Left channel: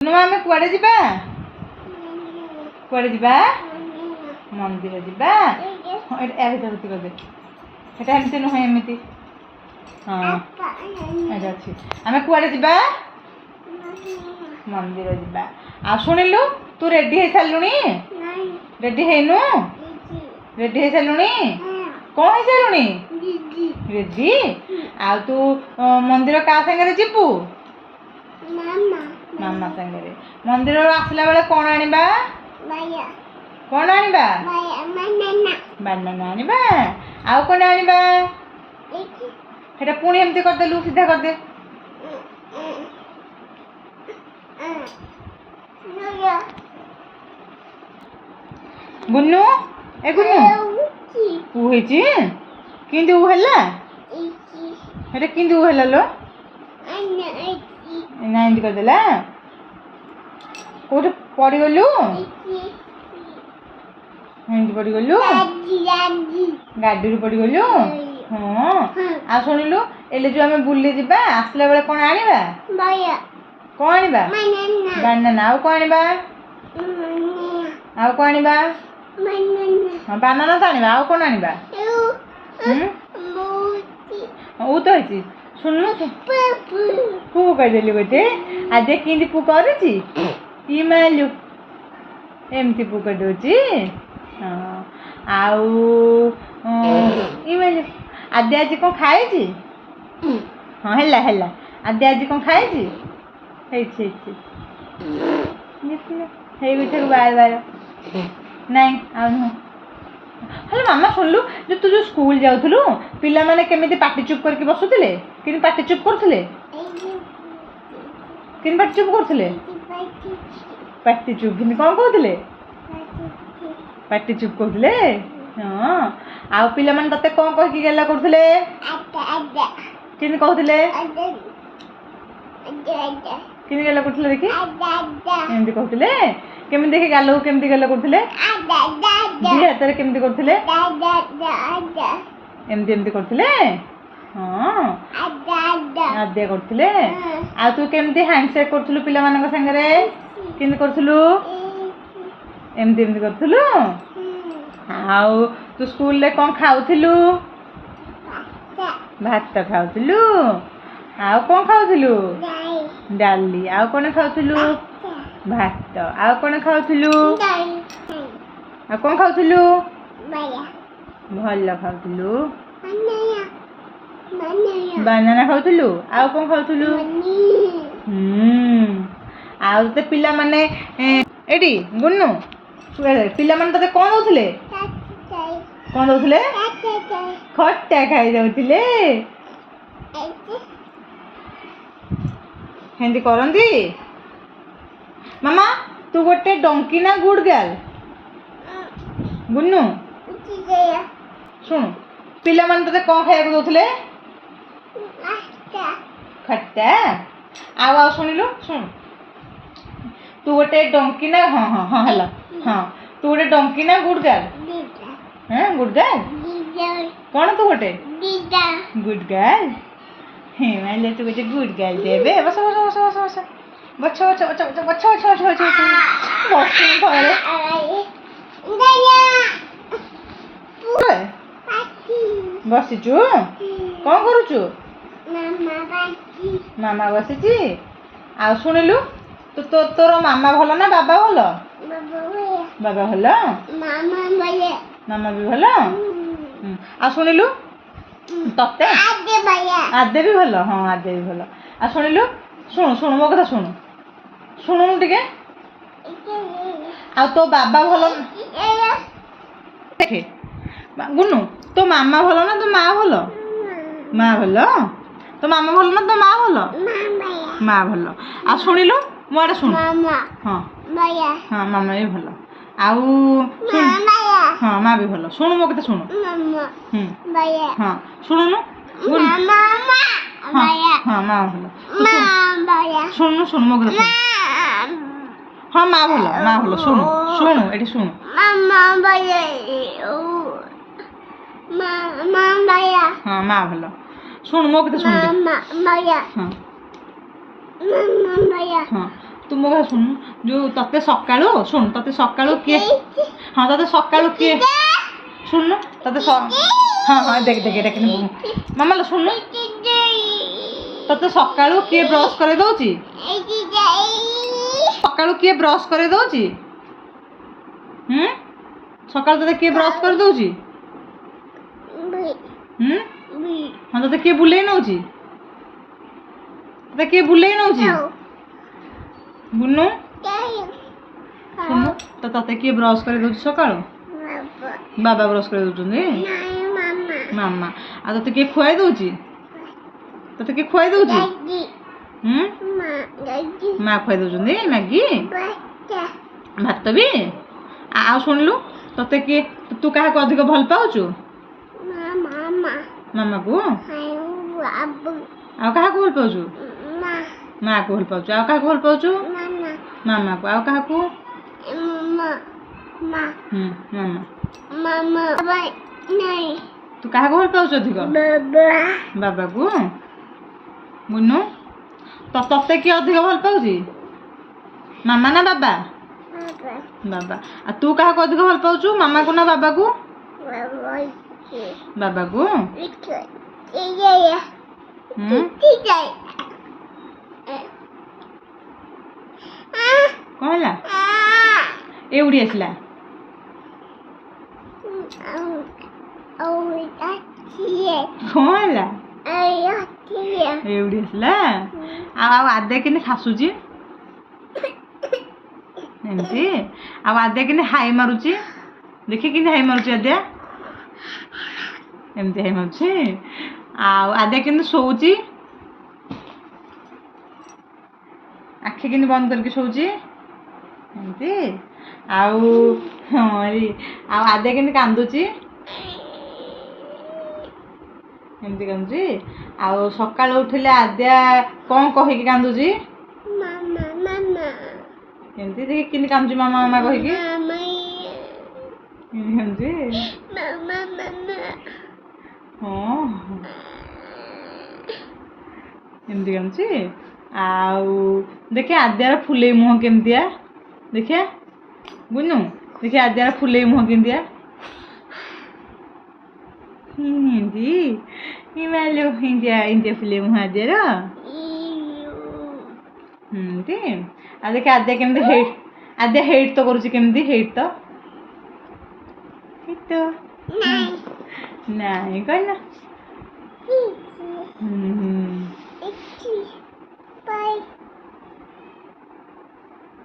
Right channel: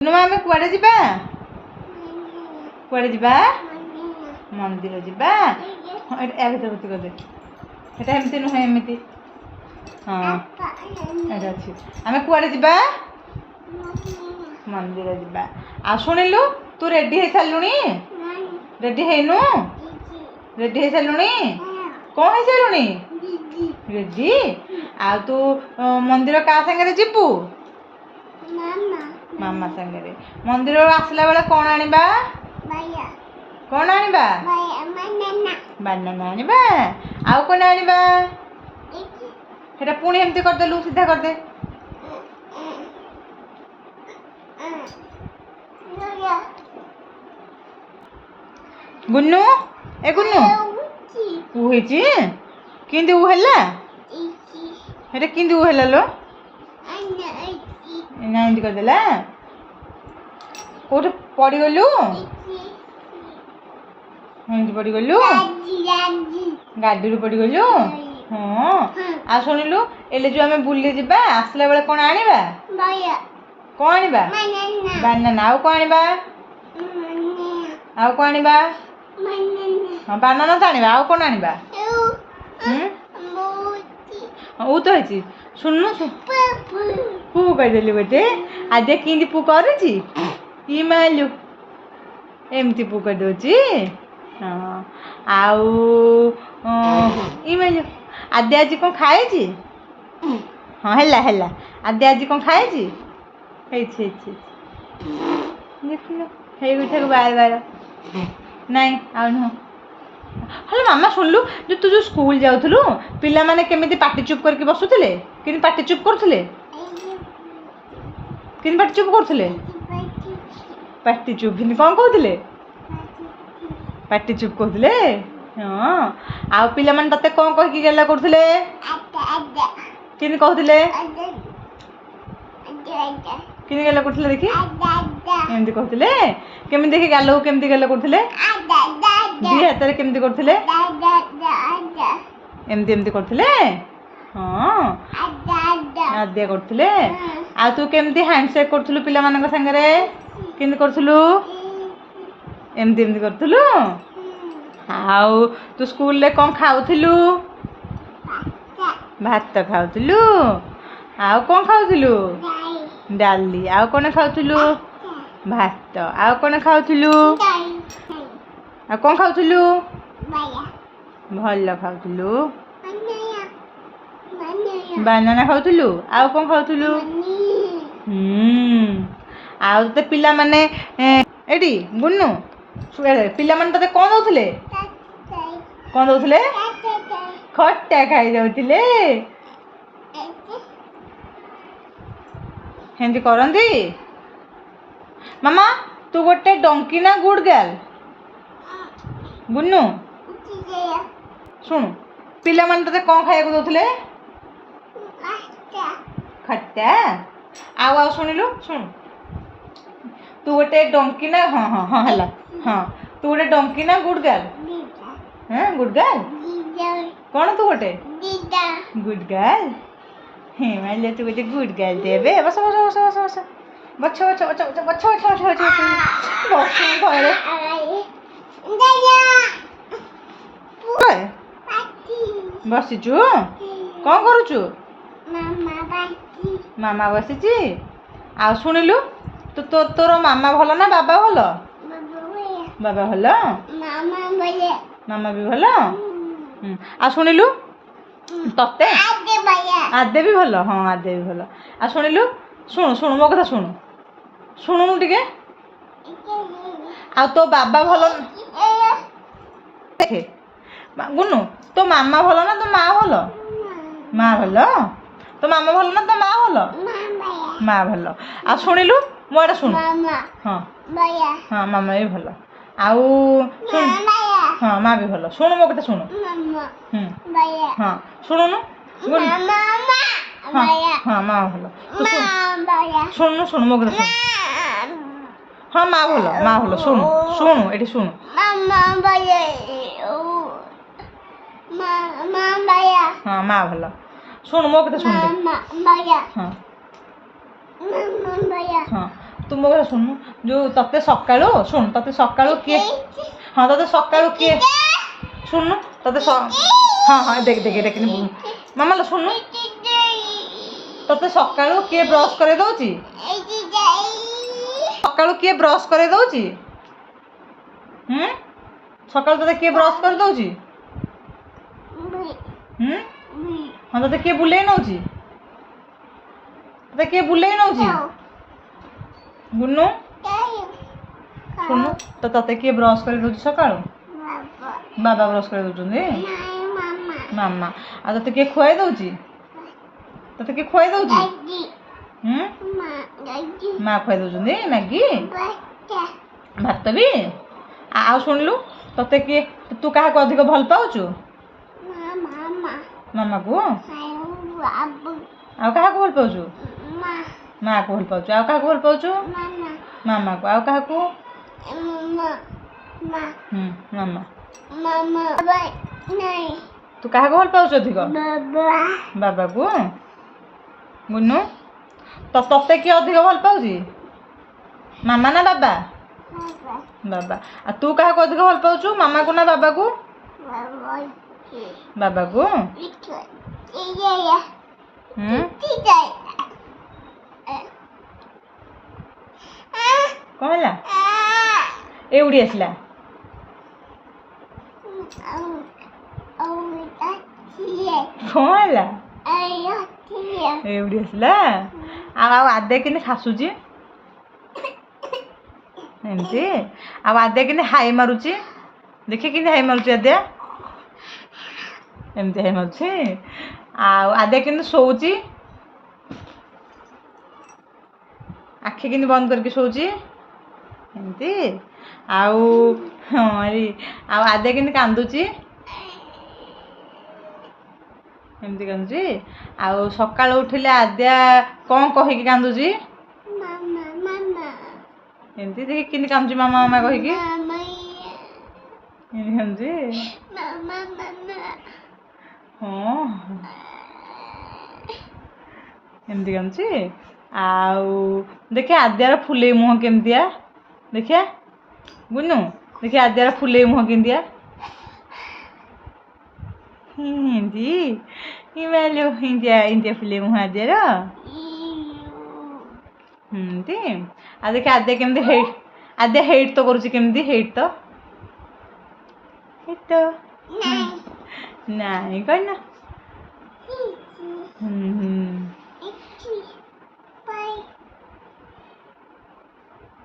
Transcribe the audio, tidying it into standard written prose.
ଆମେ କୁଆଡ଼େ ଯିବା? କୁଆଡ଼େ ଯିବା? ମନ୍ଦିର ଯିବା। ୟା ଭିତରେ କରିଦେ। ସେଟା ଏମିତି ନୁହେଁ, ଏମିତି। ହଁ ଏଇଟା ଅଛି। ଆମେ କୁଆଡ଼େ ଯିବା? ମନ୍ଦିର ଯିବା। ଆଉ ଶୁଣିଲୁ, ତୁ ରେଡି ହେଇସାରିଲୁଣି? ରେଡି ହେଇନୁ? ରେଡି ହେଇସାରିଲୁଣି? କ'ଣ ହେଇସାରିଲୁଣି? ରେଡି। ଆଉ ତୁ ମନ୍ଦିର କାହା ସାଙ୍ଗରେ ଯିବୁ? ମାମା ସାଙ୍ଗରେ। ମନ୍ଦିରରୁ ଆସିଲା ବେଳେ କ'ଣ ଆଣିବା? କ'ଣ ଆଣିବା? ବାନାନା ଆଣିବା। ଆଉ କ'ଣ ଆଣିବା? ସେଟା ପୁଣି ଏମିତି କରିଦେଲୁ, ସିଧା କରିଦେ। ଗୁନୁ, ଏ ଗୁନୁ ଉ ହେଇଛି। କେମିତି ଉ ହେଲା? ସେଟା କେମିତି ଉ ହେଲା ଲୋ? ନା ଏମିତି କରିଦେଲା। କୋଉଠି ପଡ଼ିଗଲୁ? ଏମିତି ପଡ଼ିଗଲୁ? ଗାଡ଼ିରୁ ପଡ଼ିଗଲୁ? ହଁ। ଆଉ ଶୁଣିଲୁ, ଏଇଲେ ଯୋଉ ଆମେ ବୁଲି ଯିବା, ଆସିଲା ବେଳେ କ'ଣ ଆଣିବା? କ'ଣ ଆଣିବା? ବାନାନା। ଆଉ କ'ଣ ଆଣିବା? ଆଉ କ'ଣ ଆଣିବା? ହଁ, ବାନାନା ତ ଆଣିବା। ଆଉ କ'ଣ ଆଣିବା? ଉ ତ ହେଇଛି। ଶୁଣୁନୁ, ପୁ କହିଦେଲି ବୋଧେ। ଆଜି କେମିତି ପୁ କରୁଛି? ଇ ମାଲୁ ଏମିତି ପୁ କରିଦେଉଛି। ହଁ। ଆଉ ଇ ମାଲୁ ଆଦି ଆଜି କ'ଣ ଖାଇଛି? ହଁ, ହେଲା ହେଲା। ଆଦି ଆଜି କ'ଣ ଖାଇଛି? ହେଇଛି ହେଇଛି ଦେଖିଲ, ହେଇଗଠାରୁ ବାର ନାଇଁ ଆଉ ନୁହଁ। ହେଲେ ମାମା ଶୁଣିଲୁ, ତୁ ଯୋଉ ସ୍କୁଲ ଯାଉଥିଲୁ, ପିଲାମାନେ କେମିତି ପାଟି ଚୁପ୍ କରିକି ବସୁଥିଲେ? କେମିତି ପାଟି ଚୁପ୍ କରୁଥିଲେ? କେମିତି ପାଟି ଚୁପ୍ କରୁଥିଲେ? ପାଟି ଚୁପ୍। କ'ଣ କହୁଥିଲେ? ପାଟି ଚୁପ୍ କହୁଥିଲେ। ହଁ। ଆଉ ପିଲାମାନେ ତତେ କ'ଣ କହିକି ଗେଲା କରୁଥିଲେ? କେମିତି କହୁଥିଲେ? କେମିତି ଗେଲା କରୁଥିଲେ ଦେଖି? ଏମିତି କହୁଥିଲେ। କେମିତି ଦେଖି ଗାଲକୁ କେମିତି ଗେଲା କରୁଥିଲେ? ଦି ହାତରେ କେମିତି କରୁଥିଲେ? ଏମିତି ଏମିତି କରୁଥିଲେ। ହଁ, ଆଦ୍ୟା କରୁଥିଲେ। ଆଉ ତୁ କେମିତି ହ୍ୟାଣ୍ଡସେକ୍ କରୁଥିଲୁ ପିଲାମାନଙ୍କ ସାଙ୍ଗରେ? କେମିତି କରୁଥିଲୁ? ଏମିତି ଏମିତି କରୁଥିଲୁ। ଆଉ ତୁ ସ୍କୁଲରେ କ'ଣ ଖାଉଥିଲୁ? ଭାତ ଖାଉଥିଲୁ। ଆଉ କ'ଣ ଖାଉଥିଲୁ? ଡାଲି। ଆଉ କ'ଣ ଖାଉଥିଲୁ? ଭାତ। ଆଉ କ'ଣ ଖାଉଥିଲୁ? ଆଉ କ'ଣ ଖାଉଥିଲୁ? ଭଲ ଖାଉଥିଲୁ। ବାନାନା ଖାଉଥିଲୁ। ଆଉ କ'ଣ ଖାଉଥିଲୁ? ଆଉ ତତେ ପିଲାମାନେ ଏଇଠି ଗୁନୁ, ପିଲାମାନେ ତତେ କ'ଣ ଦଉଥିଲେ? କ'ଣ ଦଉଥିଲେ? ଖଟା ଖାଇଯାଉଥିଲେ। ସେମିତି କରନ୍ତି। ମାମା, ତୁ ଗୋଟେ ଡଙ୍କି ନା ଗୁଡ୍ ଗାର୍ଲ? ଗୁନୁ ଶୁଣୁ, ପିଲାମାନେ ତତେ କ'ଣ ଖାଇବାକୁ ଦଉଥିଲେ? ଖଟା। ଆଉ ଶୁଣିଲୁ, ଶୁଣୁ, ତୁ ଗୋଟେ ଡଙ୍କି ନା? ହଁ ହଁ ହଁ ହେଲା। ହଁ, ତୁ ଗୋଟେ ଡଙ୍କି ନା ଗୁଡ୍ ଗାର୍ଲ? ହଁ, ଗୁଡ୍ ଗାର୍ଲ। କ'ଣ ତୁ ଗୋଟେ ଗୁଡ୍ ଗାର୍ଲ? ହେଲେ ତୁ ଗୋଟେ ଗୁଡ୍ ଗାର୍ଲ ଦେବେ। ବସ ବସ ବସ ବସ ବସ ବଛ ବଛ ବଛ ବଛ ବଛ ବଛ ବଛ ବଛ ବଛ ଘରେ ବସିଛୁ। କ'ଣ କରୁଛୁ? ମାମା ବସିଛି। ଆଉ ଶୁଣିଲୁ, ତୋର ମାମା ଭଲ ନା ବାବା ଭଲ? ବାବା ଭଲ। ମାମା ବି ଭଲ। ଆଉ ଶୁଣିଲୁ, ତତେ ଆଦେ ବି ଭଲ। ହଁ, ଆଦେ ବି ଭଲ। ଆଉ ଶୁଣିଲୁ, ଶୁଣୁ ଶୁଣୁ ମୋ କଥା ଶୁଣୁ, ଶୁଣୁନୁ ଟିକେ। ଆଉ ତୋ ବାବା ଭଲ? ଦେଖେ ଗୁନୁ, ତୋ ମାମା ଭଲ ନା ତୋ ମା ଭଲ? ମା ଭଲ। ତୋ ମାମା ଭଲ ନା ତୋ ମା ଭଲ? ମା ଭଲ। ଆଉ ଶୁଣିଲୁ, ମୋ ଆଡ଼େ ଶୁଣୁ। ହଁ ହଁ, ମାମା ବି ଭଲ। ଆଉ ହଁ, ମା ବି ଭଲ। ଶୁଣୁ ମୋ କଥା ଶୁଣୁ। ହଁ, ଶୁଣୁନୁ। ହଁ, ମା ଭଲ। ଶୁଣୁନୁ, ଶୁଣୁ ମୋ କଥା ଶୁଣୁ। ହଁ, ମା ଭଲ, ମା ଭଲ। ଶୁଣୁ ଶୁଣୁ, ଏଠି ଶୁଣୁ। ହଁ, ମା ଭଲ। ଶୁଣୁ ମୋ କଥା ଶୁଣୁ। ହଁ ହଁ, ତୁ ମୋ କଥା ଶୁଣୁନୁ ଯୋଉ ତତେ ସକାଳୁ ଶୁଣୁ ତତେ ସକାଳୁ କିଏ ହଁ ତତେ ସକାଳୁ କିଏ ଶୁଣୁନୁ ତତେ ହଁ ହଁ ଦେଖ ଦେଖ ଏଇଟା କିନ୍ତୁ ମାମା ଲୋ ଶୁଣୁନୁ ତତେ ସକାଳୁ କିଏ ବ୍ରସ୍ କରେଇ ଦଉଛି ସକାଳୁ କିଏ ବ୍ରସ୍ କରେଇ ଦଉଛି ସକାଳୁ ତତେ କିଏ ବ୍ରସ୍ କରି ଦଉଛି ହଁ ତତେ କିଏ ବୁଲେଇ ନଉଛି ତତେ କିଏ ବୁଲେଇ ନଉଛି ବୁନୁ ଶୁଣୁ ତତେ କିଏ ବ୍ରସ୍ କରି ଦଉଛି ସକାଳୁ ବାବା ବ୍ରସ୍ କରି ଦଉଛନ୍ତି ମାମା ଆଉ ତତେ କିଏ ଖୁଆଇ ଦଉଛି ତତେ କିଏ ଖୁଆଇ ଦଉଛି ମା ଖୁଆଇ ଦଉଛନ୍ତି ମ୍ୟାଗି ଭାତ ବି ଆଉ ଶୁଣିଲୁ ତତେ କିଏ ତୁ କାହାକୁ ଅଧିକ ଭଲ ପାଉଛୁ ମାମାକୁ ଆଉ କାହାକୁ ଭଲ ପାଉଛୁ ମାଆକୁ ଭଲ ପାଉଛୁ ଆଉ କାହାକୁ ଭଲ ପାଉଛୁ ମାମାକୁ ଆଉ କାହାକୁ ମାମା ତୁ କାହାକୁ ଭଲ ପାଉଛୁ ଅଧିକ ବାବାକୁ ବୁନୁ ତତେ କିଏ ଅଧିକ ଭଲ ପାଉଛି ମାମା ନା ବାବା ବାବା ଆଉ ତୁ କାହାକୁ ଅଧିକ ଭଲ ପାଉଛୁ ମାମାକୁ ନା ବାବାକୁ ବାବାକୁ କ'ଣ ହେଲା ଏଉଡ଼ି ଆସିଲା କ'ଣ ହେଲା ଏଉଡ଼ି ଆସିଲା ଆଉ ଆଦେ କେମିତି ଖାସୁଛି ଏମିତି ଆଉ ଆଦେ କେମିତି ହାଇ ମାରୁଛି ଦେଖି କେମିତି ହାଇ ମାରୁଛି ଆଦ୍ୟା ଏମିତି ହାଇ ମାରୁଛି ଆଉ ଆଦ୍ୟା କେମିତି ଶୋଉଛି ଆଖି କେମିତି ବନ୍ଦ କରିକି ଶୋଉଛି ଏମିତି ଆଉ ଆଉ ଆଦ୍ୟା କେମିତି କାନ୍ଦୁଛି ଏମିତି କାନ୍ଦୁଛି ଆଉ ସକାଳୁ ଉଠିଲେ ଆଦ୍ୟା କ'ଣ କହିକି କାନ୍ଦୁଛି ଏମିତି ଦେଖି କେମିତି କାନ୍ଦୁଛି ମାମା ମାମା କହିକି କାନ୍ଦୁଛି ହଁ ଏମିତି କାନ୍ଦୁଛି ଆଉ ଦେଖେ ଆଦ୍ୟାର ଫୁଲେଇ ମୁହଁ କେମିତିଆ ଦେଖିଆ ବୁନୁ ଦେଖି ଆଦ୍ୟାର ଫୁଲେଇ ମୁହଁ କେମିତିଆ ଏମିତି ଏମିତିଆ ଫୁଲେଇ ମୁହଁ ଆଦ୍ୟାର ଏମିତି ଆଉ ଦେଖେ ଆଦ୍ୟା କେମିତି ଆଦ୍ୟା ହେଇଟ୍ ତ କରୁଛି କେମିତି ହେଇଟ୍ ତ ନାଇଁ କହିଲା